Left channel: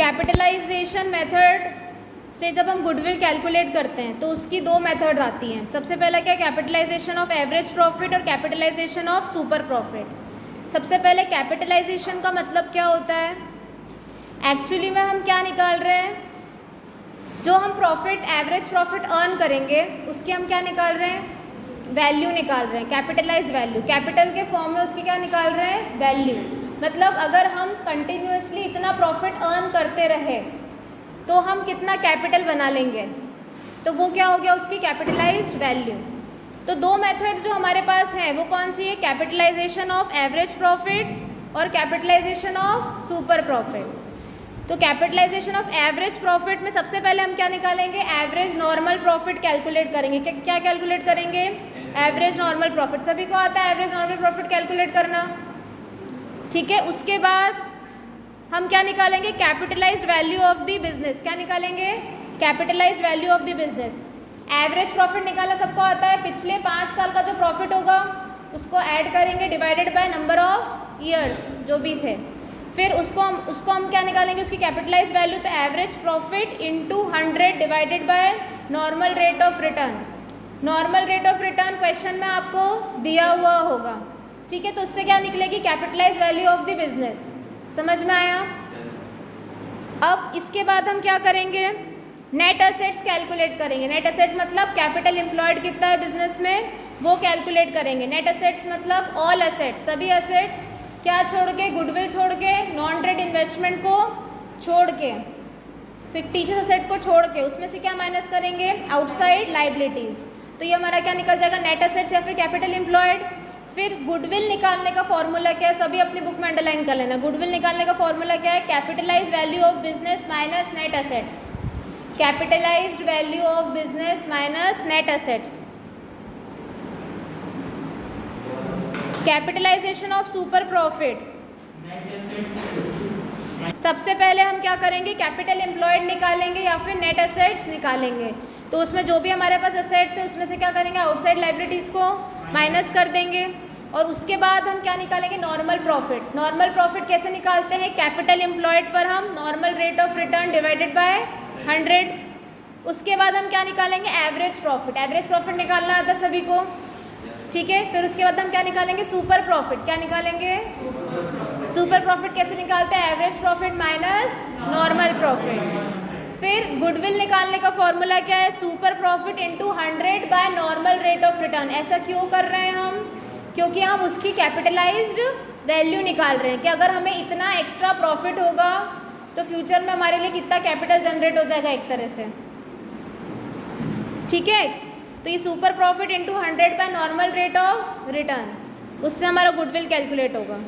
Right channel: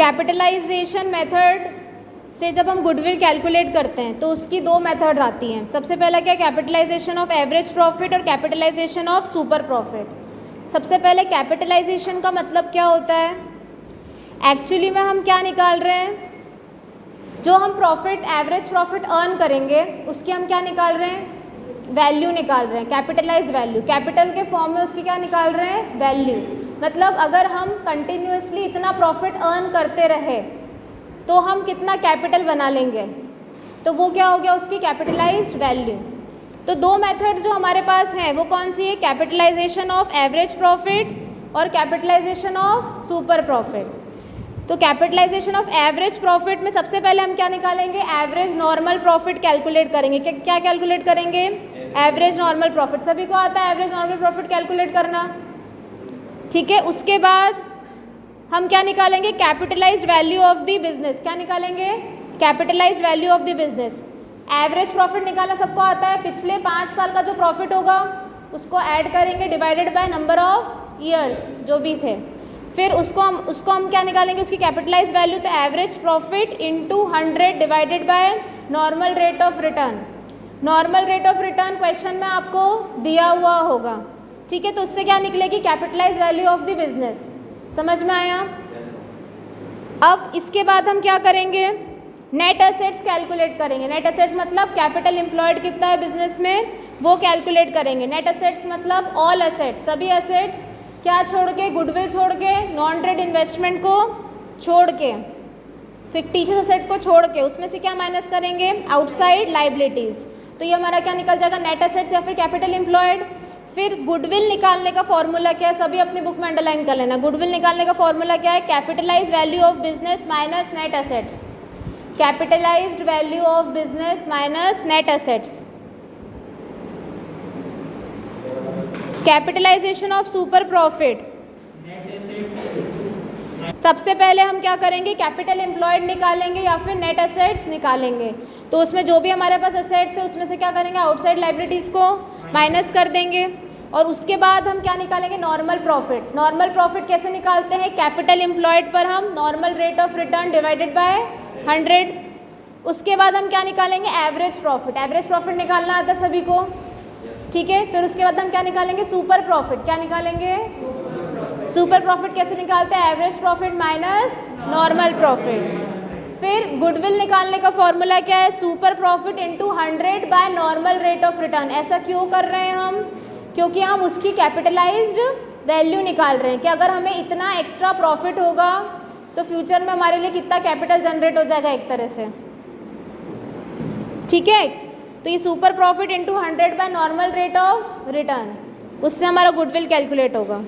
Capitalisation method से जब हम गुडविल कैलकुलेट करते हैं तो उसकी दो मेथड आती हैं। सबसे पहला क्या, कैपिटलाइजेशन ऑफ एवरेज प्रॉफिट और कैपिटलाइजेशन ऑफ सुपर प्रॉफिट। सबसे पहले कैपिटलाइजेशन का मतलब क्या होता है, एक्चुअली में हम क्या निकाल रहे हैं, जो हम प्रॉफिट एवरेज प्रॉफिट अर्न करेंगे उसकी हम क्या निकाल रहे हैं, वैल्यू निकाल रहे हैं, कैपिटलाइज वैल्यू। कैपिटल के फॉर्म में उसकी क्या निकाल रहे हैं, वैल्यू। मतलब अगर हम कंटिन्यूसली इतना प्रॉफिट अर्न करते रहे तो हम कितना कैपिटल बना लेंगे, तो वो क्या हो गया, उसकी कैपिटलाइज्ड वैल्यू। तो दो मेथड जो हमारे पास हैं वो कौन सी है, कैपिटलाइजेशन ऑफ एवरेज प्रॉफिट और कैपिटलाइजेशन ऑफ सुपर प्रॉफिट। तो कैपिटलाइजेशन ऑफ एवरेज प्रॉफिट में सबसे पहले हम क्या निकालेंगे, एवरेज नॉर्मल प्रॉफिट कैलकुलेट करेंगे। क्या कैलकुलेट करेंगे, एवरेज नॉर्मल प्रॉफिट। सभी को आता है एवरेज नॉर्मल प्रॉफिट कैलकुलेट करना, ठीक है। उसके बाद हम क्या निकालेंगे, capitalised value of the business. क्या निकालेंगे, capitalised value of the business. Average profit निकालना सबको आता है, पिछले 5 साल का जो प्रॉफिट होगा उसको ऐड करेंगे divided by number of years जो भी थे, फिर उसको हम क्या निकालेंगे, उसकी कैपिटलाइज वैल्यू। तो average profit into 100 divided by normal rate of return. Normal rate of return question में आपको दिया हुआ होगा, ठीक है। तो उससे क्या निकलेगी, capitalise value of the business. समझ में आया। अब इसके बाद हम क्या करेंगे, नेट एसेट्स कैलकुलेट करेंगे। नेट एसेट्स मतलब कैपिटल एम्प्लॉयड कितना है बिजनेस में वो कैलकुलेट करेंगे। नेट एसेट्स मतलब ऑल एसेट्स, सभी एसेट्स क्या छोड़ के, गुडविल छोड़ के, नॉन ट्रेड इन्वेस्टमेंट को छोड़ के, फिक्टिशियस एसेट को छोड़ के, उसमें से क्या माइनस करेंगे, आउटसाइड लाइबिलिटीज़। तो ये हमारा क्या निकल जाएगा, नेट एसेट्स या फिर कैपिटल एम्प्लॉयड। फिर गुडविल निकालने का फॉर्मूला क्या है, सभी अपनी बुक में अंडरलाइन कर लेना। गुडविल निकालने का फॉर्मूला क्या है, capitalise value of business minus net assets. Capitalised value of business minus net assets. Capitalisation of super profit, सबसे पहले हम क्या करेंगे, कैपिटल एम्प्लॉयड निकालेंगे या फिर नेट एसेट्स निकालेंगे। तो उसमें जो भी हमारे पास एसेट्स है उसमें से क्या करेंगे, आउटसाइड लाइबिलिटीज़ को माइनस कर देंगे। और उसके बाद हम क्या निकालेंगे, नॉर्मल प्रॉफिट। नॉर्मल प्रॉफिट कैसे निकालते हैं, कैपिटल एम्प्लॉयड पर हम normal rate of return divided by 100। उसके बाद हम क्या निकालेंगे, एवरेज प्रॉफिट। एवरेज प्रॉफिट निकालना आता है सभी को, ठीक है। फिर उसके बाद हम क्या निकालेंगे, सुपर प्रॉफिट। क्या निकालेंगे, सुपर प्रॉफिट कैसे निकालते हैं, average profit minus normal profit. फिर गुडविल निकालने का फॉर्मूला क्या है, super profit into 100 by normal rate of return. ऐसा क्यों कर रहे हैं हम, क्योंकि हम उसकी कैपिटलाइज्ड वैल्यू निकाल रहे हैं कि अगर हमें इतना एक्स्ट्रा प्रॉफिट होगा तो फ्यूचर में हमारे लिए कितना कैपिटल जनरेट हो जाएगा एक तरह से, ठीक है। तो ये super profit into 100 by normal rate of return, उससे हमारा गुडविल कैलकुलेट होगा।